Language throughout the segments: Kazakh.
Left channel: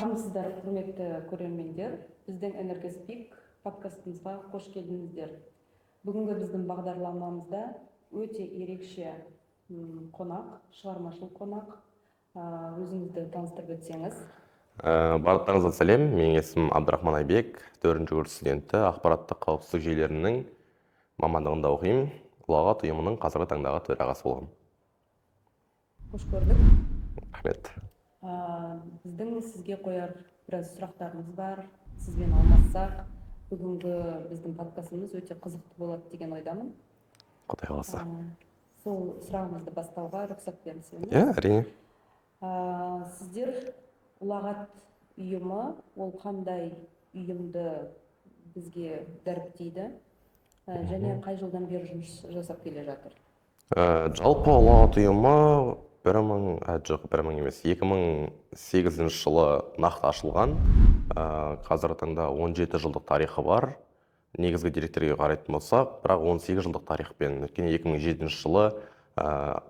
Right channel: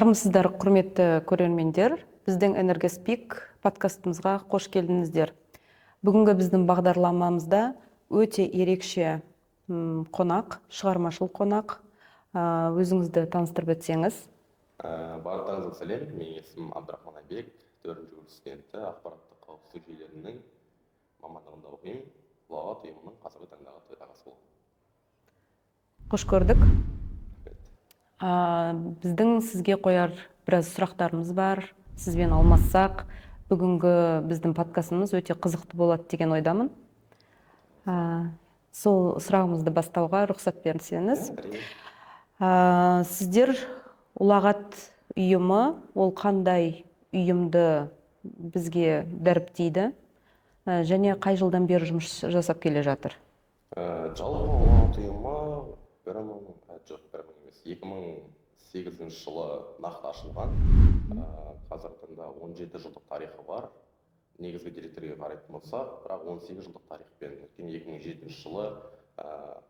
Армысыздар, құрметті көрермендер. Біздің Энергоспик подкастымызға қош келдіңіздер. Бүгінгі біздің бағдарламамызда өте ерекше қонақ, шығармашыл қонақ. Өзіңізді таныстырып өтсеңіз. Барлықтарыңызға сәлем. Менің есімім Абдрахман Айбек, 4-ші курс студенті, ақпараттық қауіпсіздік жүйелерінің мамандығында оқимын. Ұлағат ұйымының қазіргі таңдағы төрағасы боламын. Қош көрдік. Рахмет. Біздің сізге қояр біраз сұрақтарымыз бар. Сізбен алмассақ, бүгінгі біздің подкастымыз өте қызықты болады деген ойдамын. Құдай қаласа. Сол сұрағымызды бастауға рұқсат берсеңіз. Әрине. Сіздер Ұлағат ұйымы, ол қандай ұйымды бізге дәріптейді және қай жылдан бері жұмыс жасап келе жатыр? Жалпы Ұлағат ұйымы 2008 жылы нақты ашылған. Қазіргі таңда 17 жылдық тарихы бар. Негізгі деректерге қарайтын болсақ, бірақ 18 жылдық тарихпен, өйткені 2007 жылы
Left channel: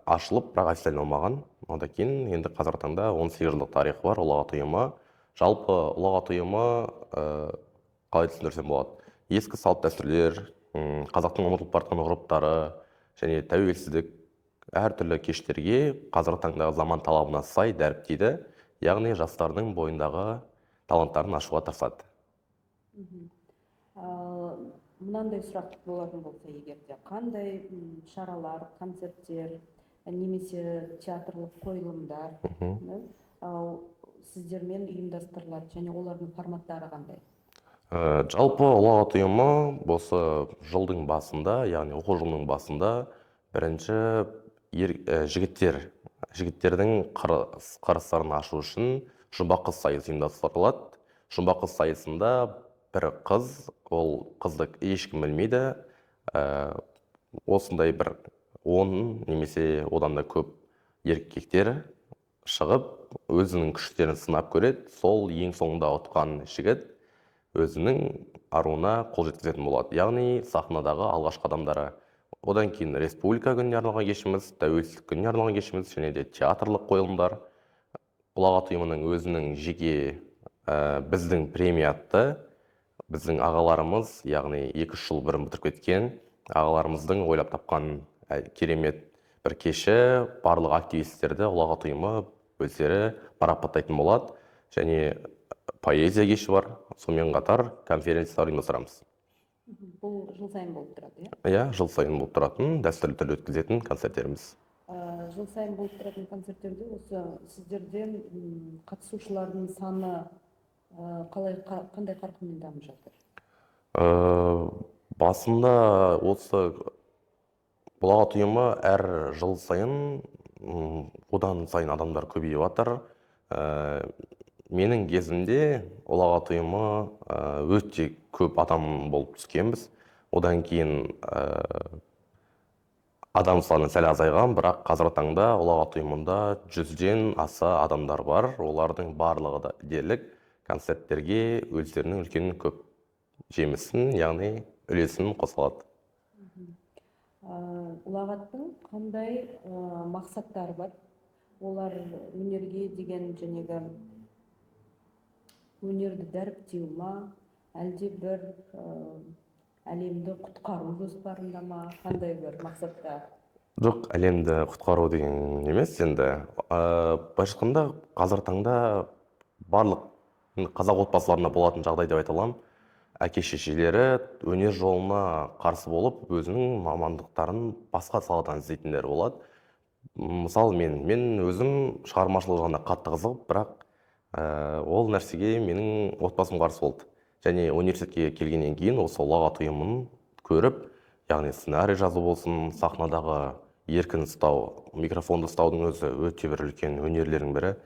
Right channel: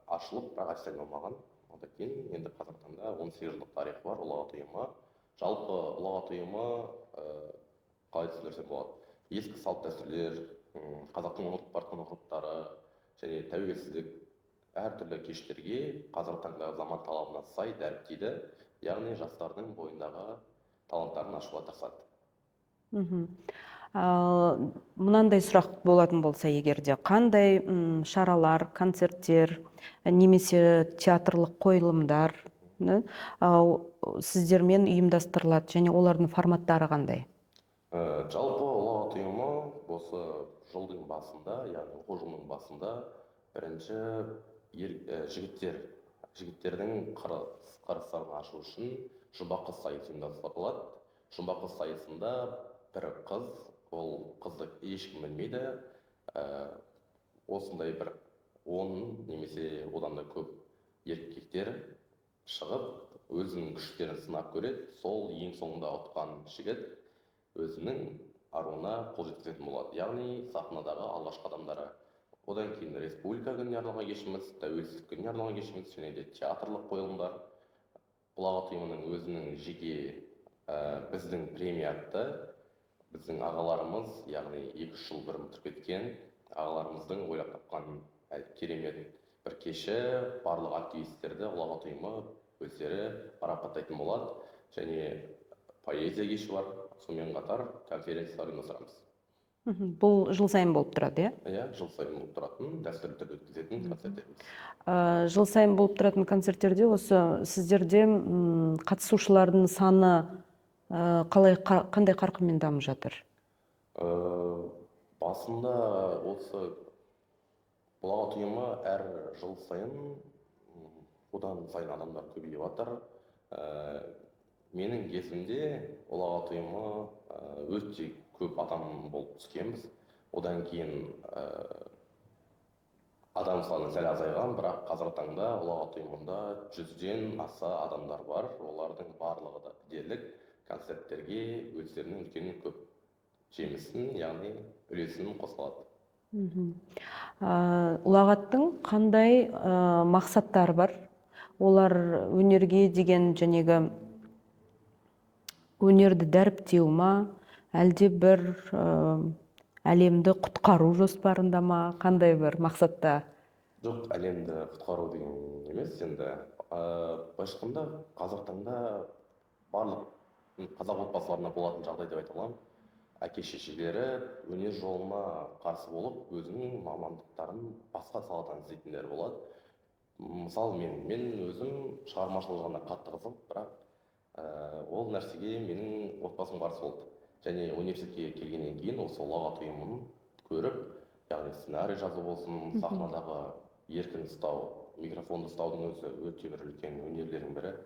ашылып, бірақ официально болмаған. Одан кейін енді қазіргі таңда 18 жылдық тарихы бар Ұлағат ұйымы. Жалпы Ұлағат ұйымы қалай түсіндірсем болады? Ескі салт дәстүрлер, қазақтың ұмытылып бара жатқан ғұрыптары және тәуелсіздік әртүрлі кештерге қазіргі таңдағы заман талабына сай дәріптейді, яғни жастардың бойындағы таланттарын ашуға тырысады. Мынандай сұрақ болатын болса егерде, қандай шаралар, концерттер, немесе театрлық қойылымдар сіздермен ұйымдастырылады және олардың форматтары қандай? Жалпы Ұлағат ұйымы осы жылдың басында, яғни оқу жылының басында бірінші жігіттердің қарыстарын ашу үшін жұмбақ қыз сайысы ұйымдастырылады. Жұмбақ қыз сайысында бір қыз, ол қызды ешкім білмейді, осындай бір 10 немесе одан да көп еркектер шығып, өзінің күштерін сынап көреді. Сол ең соңында ұтқан жігіт өзінің аруына қол жеткізетін болады. Яғни сахнадағы алғашқы адамдары. Одан кейін республика күніне арналған кешіміз, тәуелсіздік күніне арналған кешіміз және де театрлық қойылымдар. Ұлағат ұйымының өзінің жеке біздің премия атты, біздің ағаларымыз, яғни 2 жыл бұрын бітіріп кеткен ағаларымыздың ойлап тапқан керемет бір кеші, барлық активистерді Ұлағат ұйымы өздері марапаттайтын болады. Және поэзия кеші бар, сонымен қатар конференциялар ұйымдастырамыз. Бұл жыл сайын болып тұрады, иә? Иә, жыл сайын болып тұратын, дәстүрлі түрде өткізетін концерттеріміз. Жыл сайын болып тұратын концерттерде осы сіздерде қатысушылардың саны қандай қарқынмен дамып жатыр? Басында осы Ұлағат ұйымы әр жыл сайын одан сайын адамдар көбейіп жатыр. Менің кезімде Ұлағат ұйымы өте көп адам болып түскенбіз. Одан кейін адам саны сәл азайған, бірақ қазіргі таңда Ұлағат ұйымында 100-ден аса адамдар бар. Олардың барлығы да дерлік концерттерге өздерінің үлкен көп жемісін, яғни үлесін қосылады. Ұлағаттың қандай мақсаттары бар? Олар өнерге деген жәнегі өнерді дәріптеу ма, әлде бір әлемді құтқару жоспарында ма, қандай бір мақсатта? Жоқ, әлемді құтқару деген емес, енді башқында қазір таңда барлық қазақ отбасыларына болатын жағдай деп айта аламын. Әке-шешелері өнер жолына қарсы болып, өзінің мамандықтарын басқа саладан іздейтіндер болады. Мысалы, мен өзім шығармашылық жағына қатты қызығып, бірақ ол нәрсеге менің отбасым қарсы болды. Және университетке келгеннен кейін осы Ұлағат ұйымын көріп, яғни сценарий жазу болсын, сахнадағы еркін ұстау, микрофонды ұстаудың өзі өте бір үлкен өнерлердің бірі.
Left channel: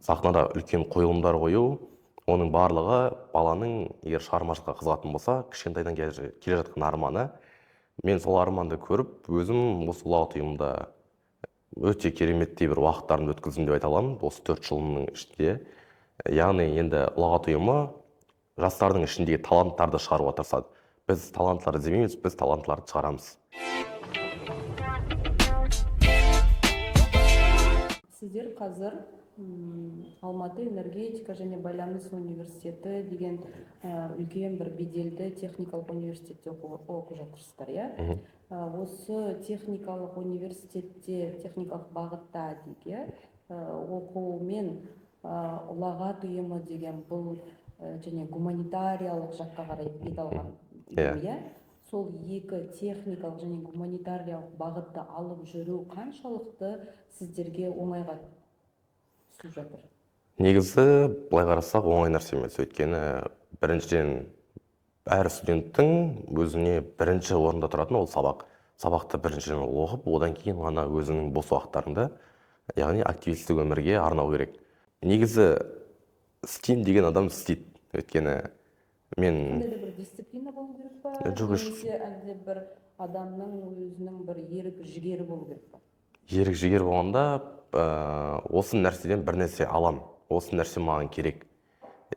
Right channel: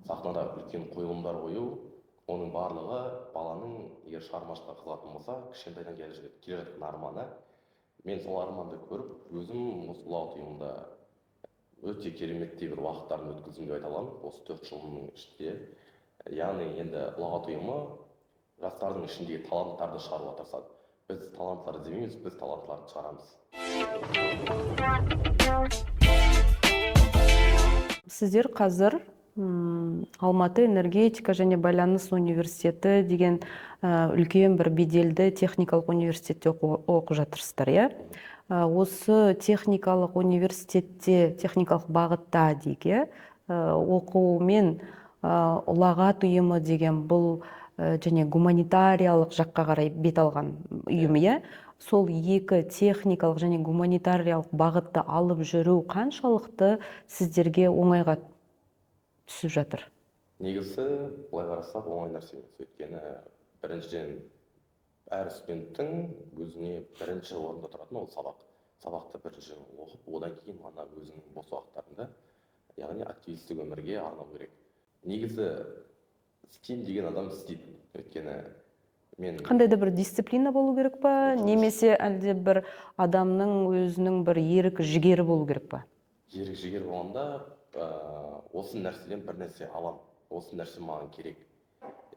Сахнада үлкен қойылымдар қою, оның барлығы баланың егер шығармашылыққа қызығатын болса, кішкентайдан келе жатқан арманы. Мен сол арманды көріп, өзім осы Ұлағат ұйымында өте кереметтей бір уақыттарымды өткіздім деп айта аламын, осы 4 жылының ішінде. Яғни енді Ұлағат ұйымы жастардың ішіндегі таланттарды шығаруға тырысады. Біз таланттарды іздемейміз, біз таланттарды шығарамыз. Сіздер қазір Алматы энергетика және байланыс университеті деген үлкен бір беделді техникалық университетте оқып жатырсыздар, иә? Осы техникалық университетте, техникалық бағытта дейік, оқумен ұлағат ұйымы деген бұл және гуманитариялық жаққа қарай бет алған ұйым, иә? Сол екі техникалық және гуманитариялық бағытты алып жүру қаншалықты сіздерге оңайға түсіп жатыр? Негізі былай қарасақ оңай нәрсе емес. Өйткені біріншіден әр студенттің өзіне бірінші орында тұратын ол сабақ. Сабақты біріншіден оқып, одан кейін ғана өзінің бос уақыттарында, яғни активистік өмірге арнау керек. Негізі істеймін деген адам істейді. Өйткені мен қандай да бір дисциплина болу керек па, немесе әлде бір адамның өзінің бір ерік жігері болу керек па? Ерік жігер болғанда осы нәрседен бір нәрсе алам, осы нәрсе маған керек.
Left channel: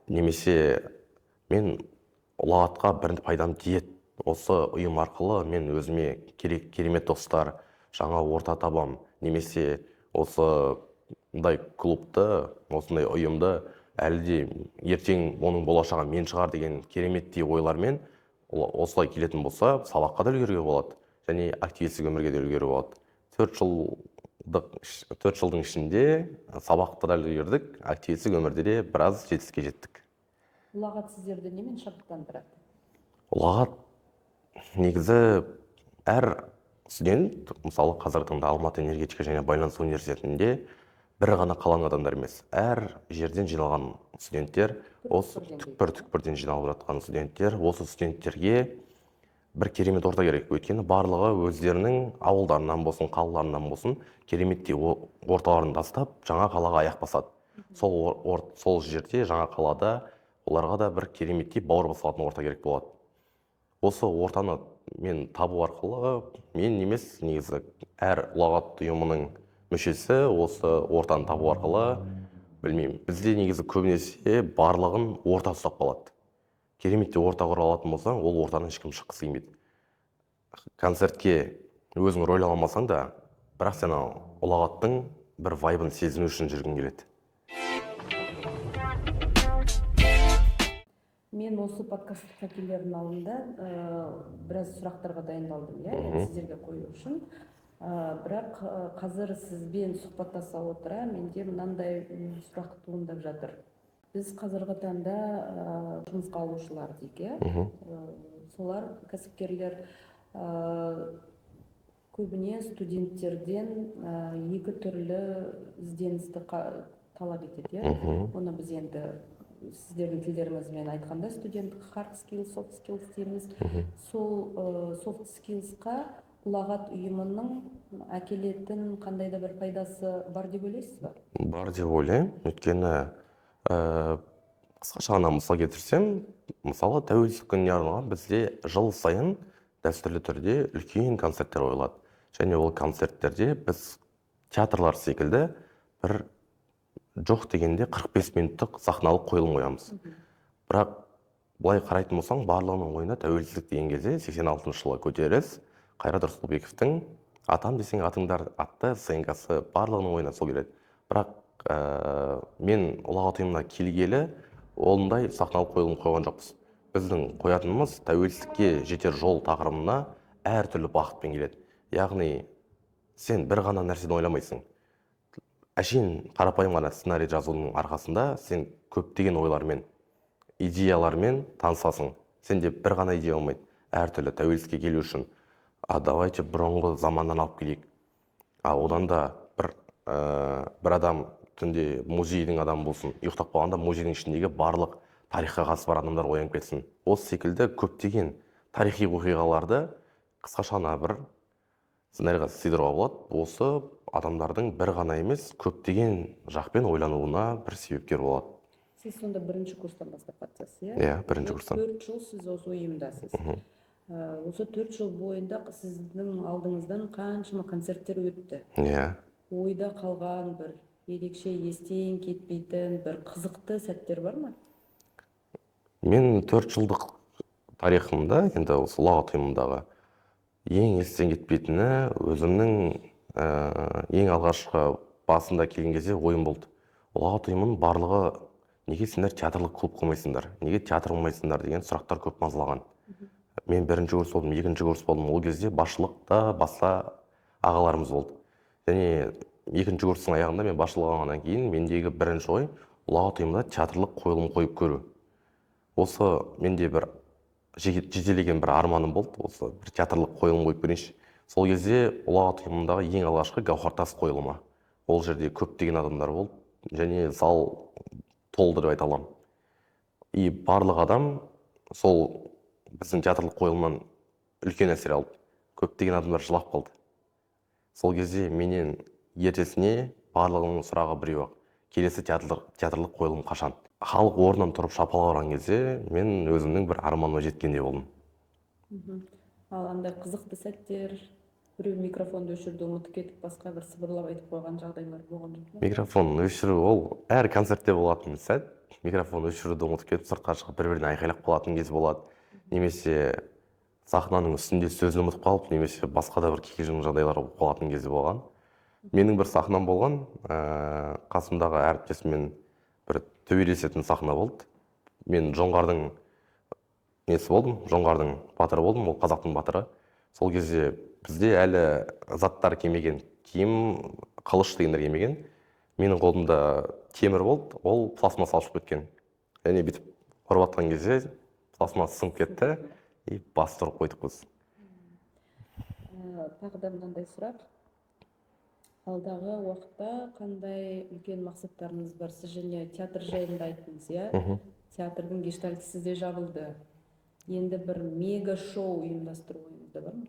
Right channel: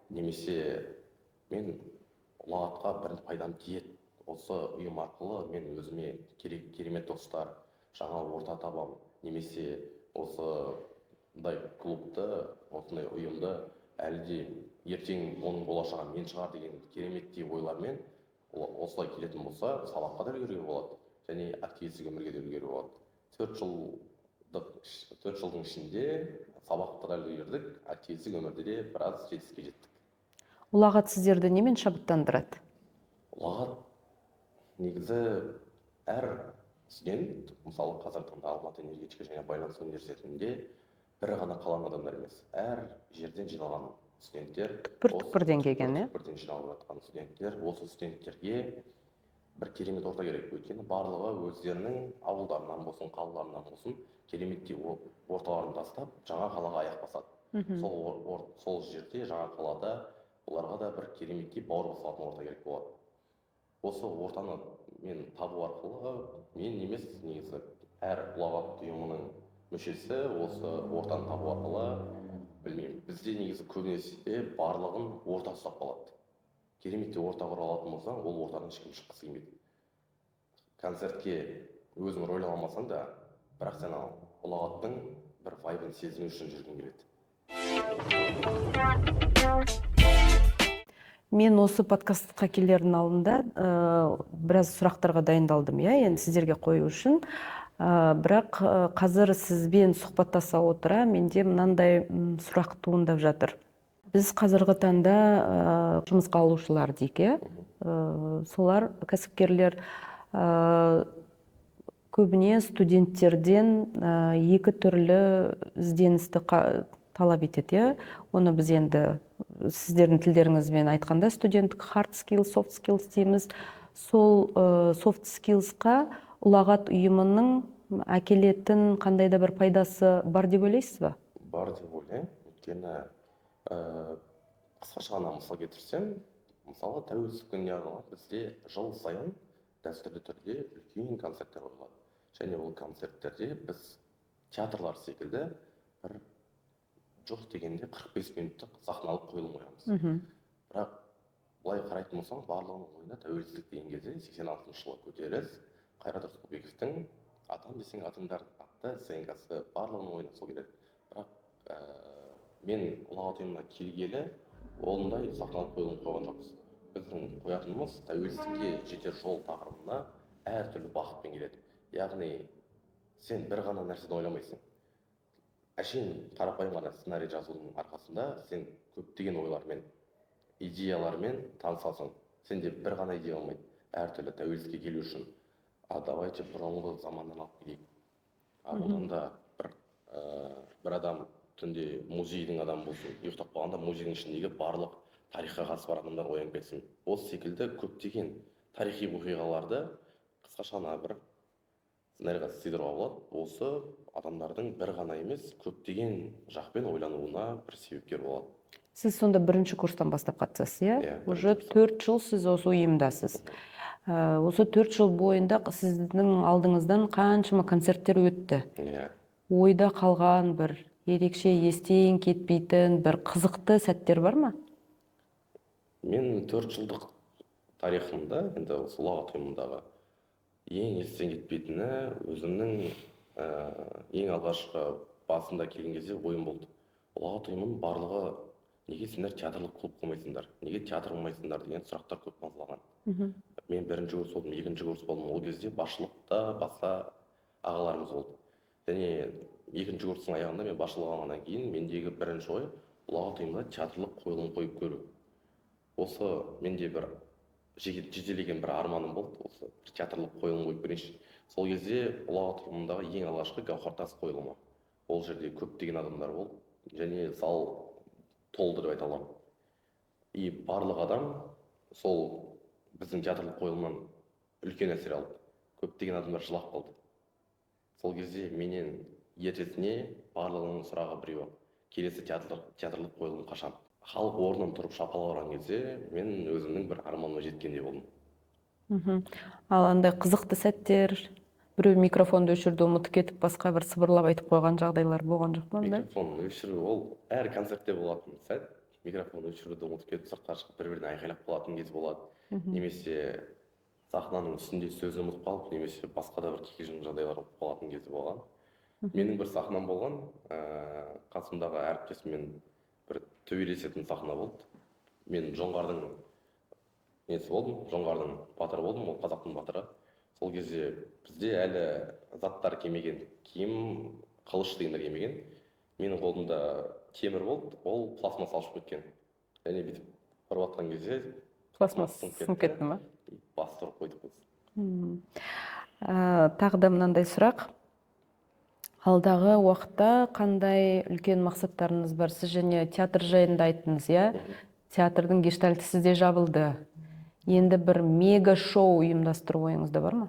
Немесе мен ұлағатқа бір пайдам тиеді. Осы ұйым арқылы мен өзіме керемет достар, жаңа орта табам. Немесе осындай клубты, осындай ұйымды әлде ертең оның болашағы мен шығар деген кереметтей ойлармен осылай келетін болса, сабаққа да үлгеруге болады, және активистік өмірге де үлгеруге болады. 4 жылдың ішінде сабақты да үлгердік, активистік өмірде де біраз жетістікке жеттік. Ұлағат сіздерді немен шабыттандырады? Ұлағат негізі әр студент, мысалы қазіргі таңда Алматы энергетика және байланыс университетінде бір ғана қалған адамдар емес, әр жерден жиналған студенттер, түкпір-түкпірден жиналып жатқан студенттер, осы студенттерге бір керемет орта керек. Өйткені барлығы өздерінің ауылдарынан болсын, қалаларынан болсын, кереметтей орталарын тастап, жаңа қалаға аяқ басады. Сол жерде, жаңа қалада оларға да бір кереметтей бауыр басатын орта керек болады. Осы ортаны мен табу арқылы, мен емес, негізі әр ұлағат ұйымының мүшесі осы ортаны табу арқылы, білмеймін, бізде негізі көбінесе барлығын орта ұстап қалады. Кереметтей орта құра алатын болсаң, ол ортаны ешкім шыққысы келмейді. Концертке өзің рөл алмасаң да, бірақ сен ұлағаттың бір вайбын сезіну үшін жүргің келеді. Мен осы подкастқа келердің алдында біраз сұрақтарға дайындалдым, енді сіздерге қою үшін. Бірақ қазір сізбен сұхбаттаса отыра, менде мынандай сұрақ туындап жатыр. Біз қазіргі таңда жұмысқа алушылар дейік, солар кәсіпкерлер көбіне студенттерден екі түрлі ізденісті талап етеді. Оны біз енді сіздердің тілдеріңізбен айтқанда студенттік hard skills, soft skills дейміз. Сол soft skillsқа ұлағат ұйымының әкелетін қандай да бір пайдасы бар деп ойлайсыз ба? Бар деп ойлаймын. Өйткені қысқаша ғана мысал келтірсем, мысалы тәуелсіздік күніне арналған бізде жыл сайын дәстүрлі түрде үлкен концерттер қойылады. Және ол концерттерде біз театрлар секілді бір жоқ дегенде 45 минуттық сахналық қойылым қоямыз. Бірақ былай қарайтын болсаң, барлығының ойына тәуелсіздік деген кезде 86 жылы көтеріліс Қайрат Рысқұлбековтың «Атам десең атыңдар» атты сценкасы барлығының ойына сол келеді. Бірақ мен ұлағат ұйымына келгелі ондай сахналық қойылым қойған жоқпыз. Біздің қоятынымыз тәуелсіздікке жетер жол тақырыбына әртүрлі бағытпен келеді. Яғни сен бір ғана нәрсені ойламайсың. Әшейін қарапайым ғана сценарий жазудың арқасында сен көптеген ойлармен, идеялармен танысасың. Сенде бір ғана идея болмайды. Әртүрлі тәуелсіздікке келу үшін давайте бұрынғы заманнан алып келейік. Одан да бір адам түнде музейдің адамы болсын, ұйықтап қалғанда музейдің ішіндегі барлық тарихқа қатысы бар адамдар оянып кетсін. Осы секілді көптеген тарихи оқиғаларды қысқаша бір сценарийға сыйдыруға болады. Осы адамдардың бір ғана емес, көптеген жақпен ойлануына бір себепкер болады. Сіз сонда бірінші курстан бастап қатысасыз, иә? Бірінші курстан. 4 жыл сіз осы ұйымдасыз. Осы 4 жыл бойында сіздің алдыңыздан қаншама концерттер өтті. Ойда қалған бір ерекше естен кетпейтін бір қызықты сәттер бар ма? Мен 4 жылдық тарихымда, енді осы ұлағат ұйымындағы ең естен кетпейтіні өзімнің ең алғашқы басында келген кезде ойым болды. ұлағат ұйымының барлығы неге сендер театрлық клуб қоймайсыңдар, неге театр қоймайсыңдар деген сұрақтар көп мазалаған. Мен бірінші курс болдым, екінші курс болдым, ол кезде басшылықта басқа ағаларымыз болды. Және екінші курстың аяғында мен басшылық алғаннан кейін мендегі бірінші ой ұлағат ұйымында театрлық қойылым қойып көру. Осы менде бір жетелеген бір арманым болды, осы бір театрлық қойылым қойып көрейінші. Сол кезде ұлағат ұйымындағы ең алғашқы гауһартас қойылымы. Ол жерде көптеген адамдар болды, және зал толды деп айта аламын. И барлық адам сол біздің театрлық қойылымнан үлкен әсер алды. Көптеген адамдар жылап қалды. Сол кезде менен ертесіне барлығының сұрағы біреу-ақ: келесі театрлық қойылым қашан? Халық орнынан тұрып шапалақтаған кезде мен өзімнің бір арманыма жеткендей болдым. Ал андай қызықты сәттер, біреу микрофонды өшірді, ұмытып кетіп, басқа бір сыбырлап айтып қойған жағдайлар болған жоқ па? Микрофон өшіру ол әр концертте болатын сәт. Микрофон өшіруді ұмытып кетіп, сыртқа шығып бір-біріне айқайлап қалатын кез болады. Немесе сахнаның үстінде сөзін ұмытып қалып, немесе басқа да бір кикілжің жағдайлар болып қалатын кезде болған. Менің бір сахнам болған, қасымдағы әріптесіммен бір төбелесетін сахна болды. Мен жоңғардың несі болдым, жоңғардың батыры болдым, ол қазақтың батыры. Сол кезде бізде әлі заттар келмеген, киім, қылыш дегендер келмеген. Менің қолымда темір болды, ол пластмасс алып кеткен. Және бүйтіп ұрып атқан кезде пластмасс сынып кетті. И басты ұрып қойдық біз. Тағы да мынандай сұрақ. Алдағы уақытта қандай үлкен мақсаттарыңыз бар? Сіз және театр жайында айттыңыз, иә? Театрдың гештальты сізде жабылды. Енді бір мега шоу ұйымдастыру ойыңызда бар ма?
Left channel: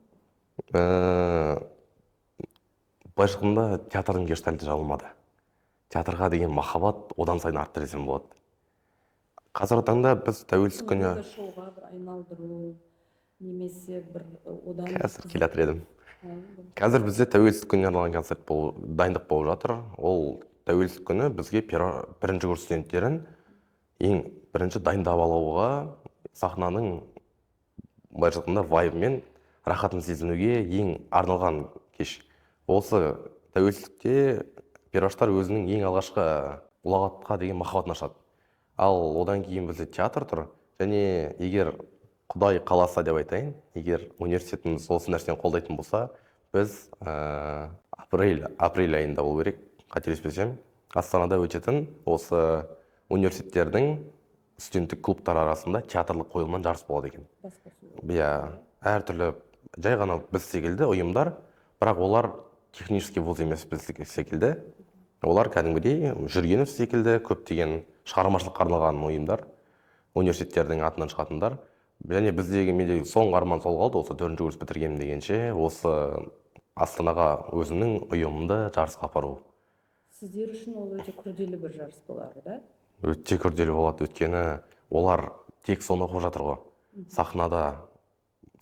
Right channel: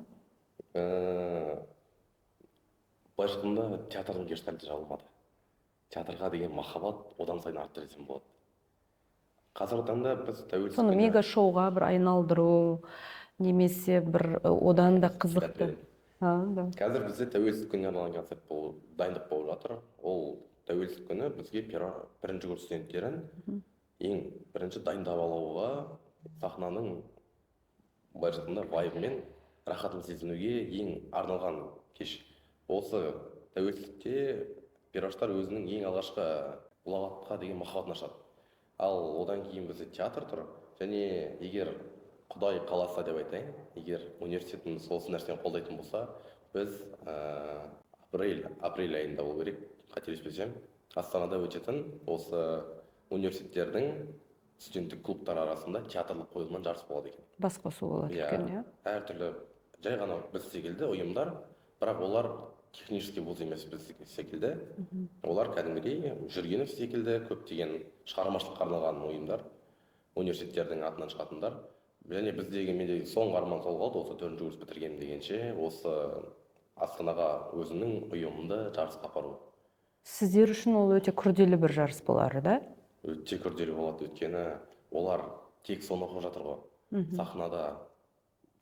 Былайша театрдың гештальты жабылмады. Театрға деген махаббат одан сайын артты десем болады. Қазіргі таңда біз тәуелсіздік күні мега шоуға бір айналдыру, немесе бір одан да қызық. Қазір бізде тәуелсіздік күніне арналған концерт дайындық болып жатыр. Ол тәуелсіздік күні бізге бірінші курс студенттерін ең бірінші дайындап алуға, сахнаның былайша айтқанда вайбымен рахатын сезінуге ең арналған кеш. Осы тәуелсіздікте пирожтар өзінің ең алғашқы ұлағатқа деген махаббатын ашады. Ал одан кейін бізде театр тұр. Және егер Құдай қаласа деп айтайын, егер университетіміз осы нәрсені қолдайтын болса, біз апрель айында болу керек, қателеспесем, Астанада өтетін осы университеттердің студенттік клубтар арасында театрлық қойылымнан жарыс болады екен. Басқосу болады. Иә, әртүрлі жай ғана біз секілді ұйымдар, бірақ олар технический вуз емес біз секілді. Олар кәдімгідей Жүргенов секілді көптеген шығармашылыққа арналған ұйымдар, университеттердің атынан шығатындар. Және біздегі менде соңғы арман сол қалды, осы 4-ші курс бітіргенмін дегенше, осы Астанаға өзімнің ұйымымды жарысқа апару. Сіздер үшін ол өте күрделі бір жарыс болар, да? Өте күрделі болады, өйткені олар тек соны оқып жатыр ғой. Сахнада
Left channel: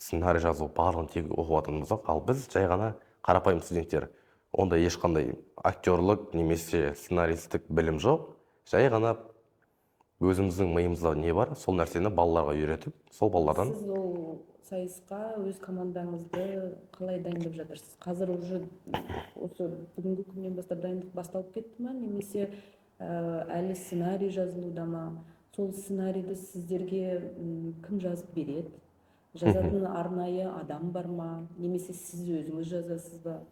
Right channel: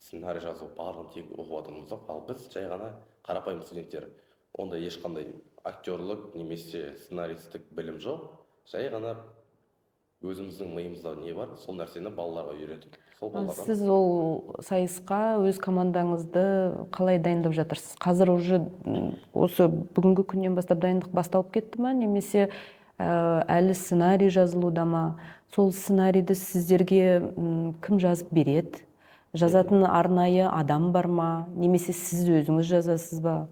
сценарий жазу барлығын тек оқып жатырмыз, ал біз жай ғана қарапайым студенттер. Онда ешқандай актерлік немесе сценаристік білім жоқ. Жай ғана өзіміздің миымызда не бар, сол нәрсені балаларға үйретіп, сол балалардан. Сіз ол сайысқа өз командаңызды қалай дайындап жатырсыз? Қазір уже осы бүгінгі күннен бастап дайындық басталып кетті ма, немесе әлі сценарий жазылуда ма? Сол сценарийді сіздерге кім жазып береді? Жазатын арнайы адам бар ма? Немесе сіз өзіңіз жазасыз ба?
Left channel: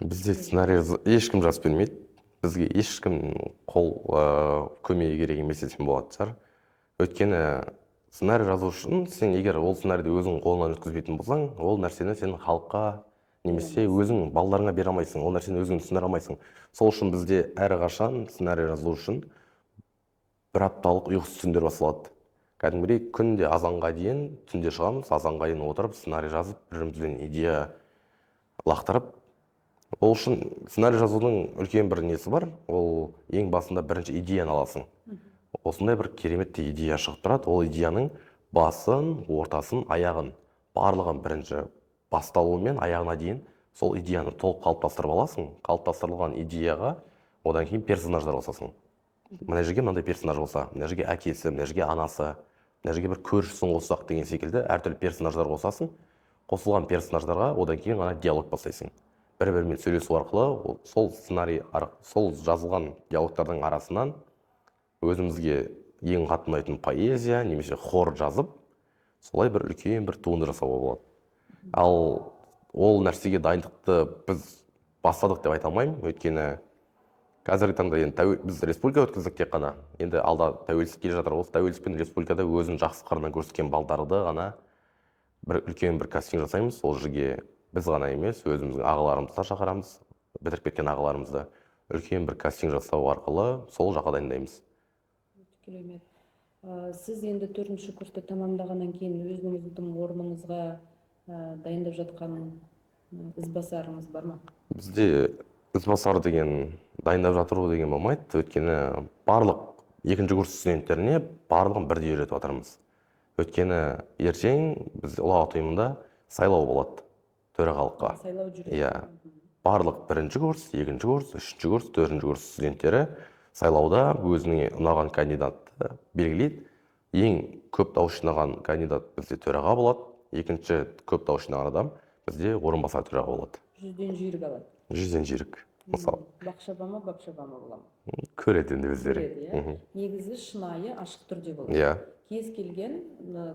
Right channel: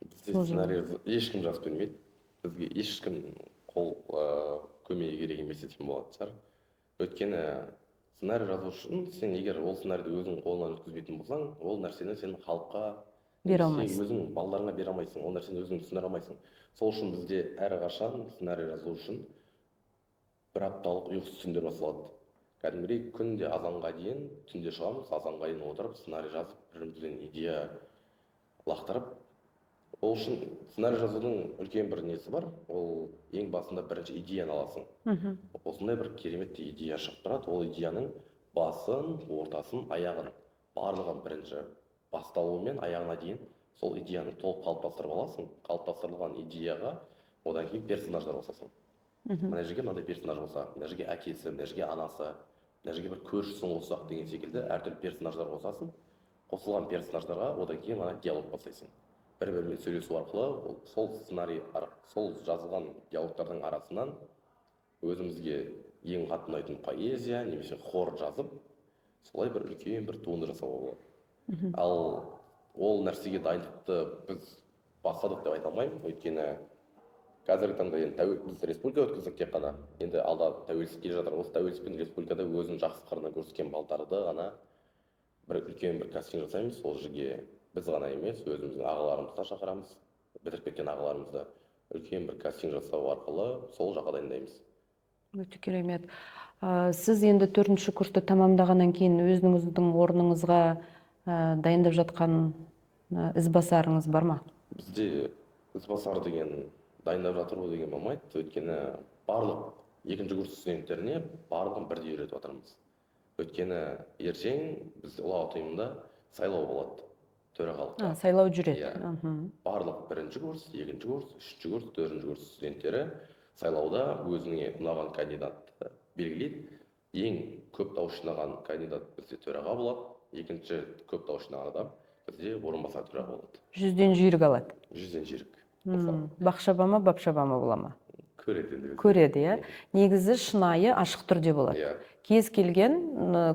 Бізде сценарий ешкім жазып бермейді. Бізге ешкім көмегі керек емес десем болады шығар. Өйткені сценарий жазу үшін сен егер ол сценарийді өзің қолынан өткізбейтін болсаң, ол нәрсені сен халыққа немесе өзің балаларыңа бере алмайсың, ол нәрсені өзің түсіндіре алмайсың. Сол үшін бізде әрқашан сценарий жазу үшін бір апталық ұйқысыз түндер басталады. Кәдімгідей күнде азанға дейін түнде шығамыз, азанға дейін отырып сценарий жазып, бірімізден идея лақтырып. Ол үшін сценарий жазудың үлкен бір несі бар, ол ең басында бірінші идеяны аласың. Осындай бір кереметті идея шығып тұрады, ол идеяның басын, ортасын, аяғын, барлығын бірінші басталуы мен аяғына дейін сол идеяны толық қалыптастырып аласың. Қалыптастырылған идеяға одан кейін персонаждар қосасың. Мына жерге мынандай персонаж болса, мына жерге әкесі, мына жерге анасы, мына жерге бір көршісін қоссақ деген секілді әртүрлі персонаждар қосасың. Қосылған персонаждарға одан кейін ғана диалог бастайсың. бір-бірімен сөйлесу арқылы сол сол жазылған диалогтардың арасынан өзімізге ең қатты ұнайтын поэзия немесе хор жазып, солай бір үлкен бір туынды жасауға болады. Ал ол нәрсеге дайындықты біз бастадық деп айта алмаймын, өйткені қазіргі таңда енді біз республика өткіздік тек қана. Енді алда тәуелсіздік келе жатыр. Осы тәуелсіздік пен республикада өзін жақсы қырынан көрсеткен балдарды ғана бір үлкен бір кастинг жасаймыз. Ол жерге біз ғана емес, өзіміздің ағаларымызды да шақырамыз, бітіріп кеткен ағаларымызды үлкен бір кастинг жасау арқылы сол жаққа дайындаймыз. Өте керемет. Сіз енді 4-ші курсты тамамдағаннан кейін өзіңіздің орныңызға дайындап жатқан ізбасарыңыз бар ма? Бізде ізбасар деген дайындап жатыру деген болмайды, өйткені барлық 2-ші курс студенттеріне барлығын бірдей үйретіп жатырмыз. Өйткені ертең біз ұлағат ұйымында сайлау болады төрағалыққа. Сайлау жүреді. Иә. Барлық 1-ші курс, 2-ші курс, 3-ші курс, 4-ші курс студенттері сайлауда өзіне ұнаған кандидатты белгілейді. Ең көп дауыс жинаған кандидат бізде төраға болады, екінші көп дауыс жинаған адам бізде орынбасар төраға болады. 100-ден жүйрік алады. 100-ден жүйрік. Бақшаба ма, бапшаба ма бола ма? Көреді енді өздері. Көреді, иә. Негізі шынайы ашық түрде болады. Иә. Кез келген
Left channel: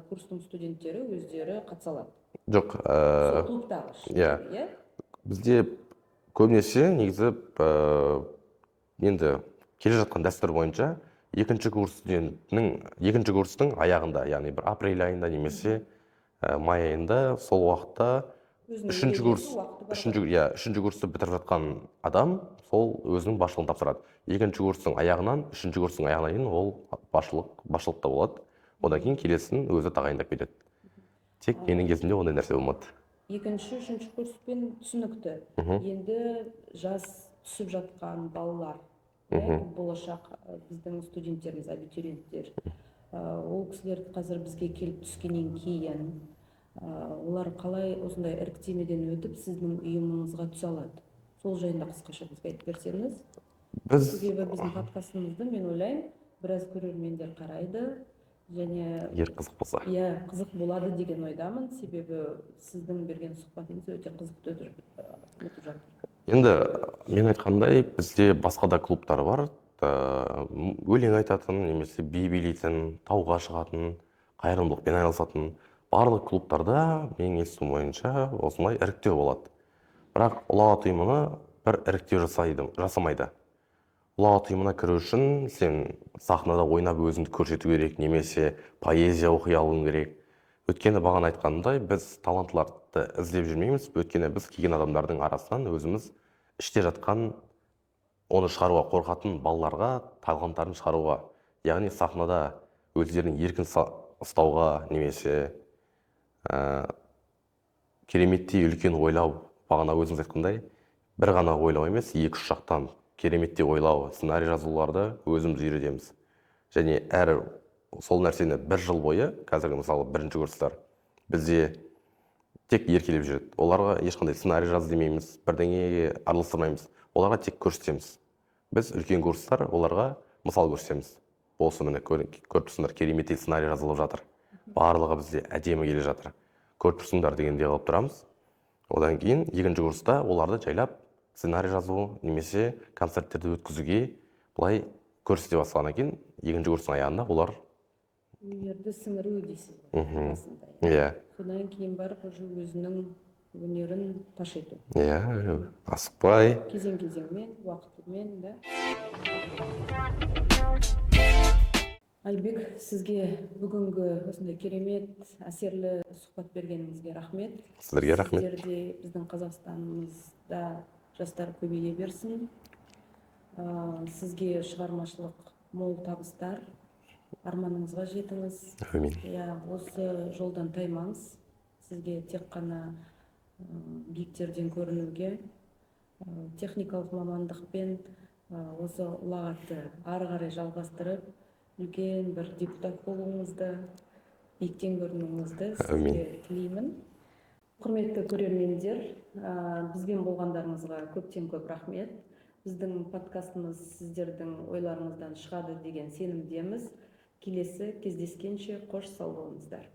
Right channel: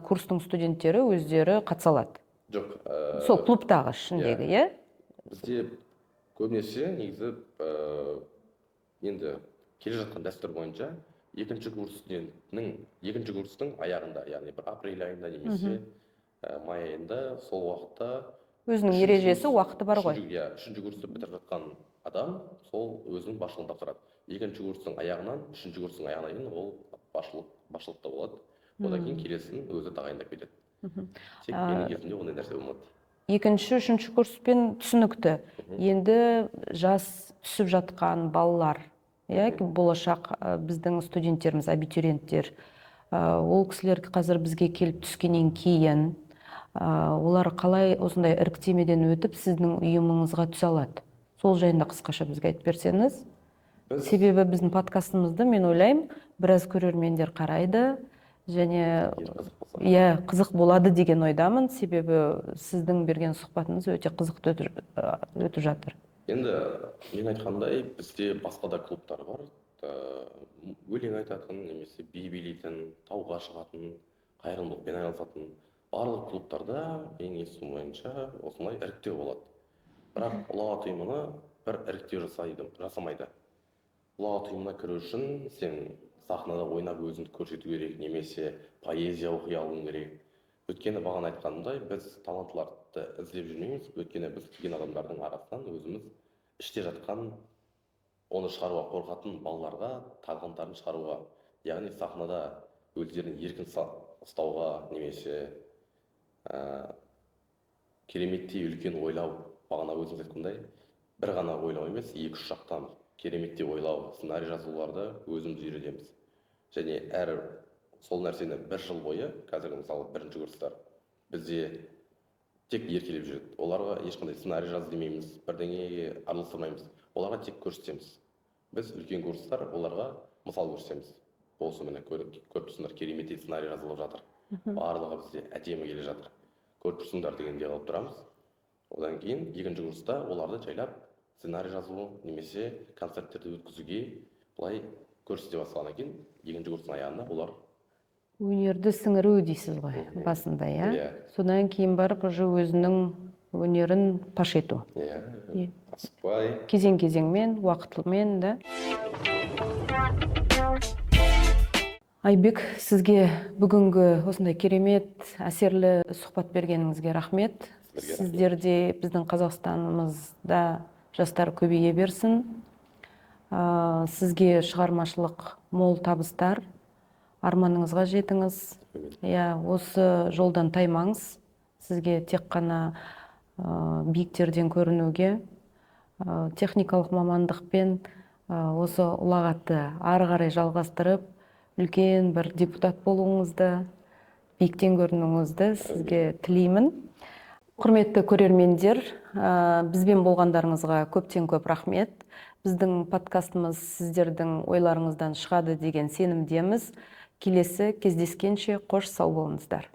курстың студенттері өздері қатыса алады. Жоқ. Сол клубтағы ішіндегі, иә? Бізде көбінесе негізі енді келе жатқан дәстүр бойынша 2-ші курс студентінің 2-ші курстың аяғында, яғни бір апрель айында немесе май айында сол уақытта өзінің ережесі уақыты бар ғой. Иә, 3-ші курсты бітіріп жатқан адам сол өзінің басшылығын тапсырады. 2-ші курстың аяғынан 3-ші курстың аяғына дейін ол басшылықта болады. Одан кейін келесін өзі тағайындап кетеді. Тек менің кезімде ондай нәрсе болмады. 2-ші, 3-ші курспен түсінікті. Енді жас түсіп жатқан балалар, болашақ біздің студенттеріміз, абитуриенттер, ол кісілер қазір бізге келіп түскеннен кейін олар қалай осындай іріктемеден өтіп сіздің ұйымыңызға түсе алады? Сол жайында қысқаша бізге айтып берсеңіз. Себебі біздің подкастымызды мен ойлаймын, біраз көрермендер қарайды және қызық болады деген ойдамын, себебі сіздің берген сұхбатыңыз өте қызықты өтіп жатыр. Енді мен айтқандай, бізде басқа да клубтар бар, өлең айтатын, немесе би билейтін, тауға шығатын, қайырымдылықпен айналысатын. Барлық клубтарда менің естуім бойынша осындай іріктеу болады. Бірақ ұлағат ұйымына бір іріктеу жасамайды. Ұлағат ұйымына кіру үшін сен сахнада ойнап өзіңді көрсету керек, немесе поэзия оқи алуың керек. Өйткені бағана айтқанымдай, біз талантларды іздеп жүрмейміз, өйткені біз келген адамдардың арасынан өзіміз іште жатқан, оны шығаруға қорқатын балаларға таланттарын шығаруға, яғни сахнада өздерінің еркін ұстауға, немесе кереметтей үлкен ойлау, бағана өзіңіз айтқандай, бір ғана ойлау емес, 2-3 жақтан кереметтей ойлау, сценарий жазуларды өзіміз үйретеміз. Және сол нәрсені 1 жыл бойы, қазіргі мысалы 1-ші курстар бізде тек еркелеп жүреді. Оларға ешқандай сценарий жаз демейміз, бірдеңеге араластырмаймыз. Оларға тек көрсетеміз. Біз үлкен курстар оларға мысал көрсетеміз. Осы міне көріп тұрсыңдар, кереметтей сценарий жазылып жатыр. Барлығы бізде әдемі келе жатыр. Көріп тұрсыңдар дегенде қалып тұрамыз. Одан кейін 2-ші курста оларды жайлап сценарий жазу немесе концерттерді өткізуге былай көрсете бастағаннан кейін 2-ші курстың аяғында олар өнерді сіңіру дейсіз ғой басында, иә? Содан кейін барып өзінің өнерін паш ету. Иә, асықпай. Кезең-кезеңмен, уақытылмен, да? Айбек, сізге бүгінгі осындай керемет, әсерлі сұхбат бергеніңізге рахмет. Сіздерге рахмет. Сіздерде біздің Қазақстанымызда жастар көбейе берсін. Сізге шығармашылық мол табыстар, арманыңызға жетіңіз. Әмин. Осы жолдан таймаңыз. Сізге тек қана биіктерден көрінуге, техникалық мамандықпен осы ұлағатты ары қарай жалғастырып, үлкен бір депутат болуыңызды, биіктен көрінуіңізді сізге тілеймін. Құрметті көрермендер, бізбен болғандарыңызға көптен көп рахмет. Біздің подкастымыз сіздердің ойларыңыздан шығады деген сенімдеміз. Келесі кездескенше қош сау болыңыздар.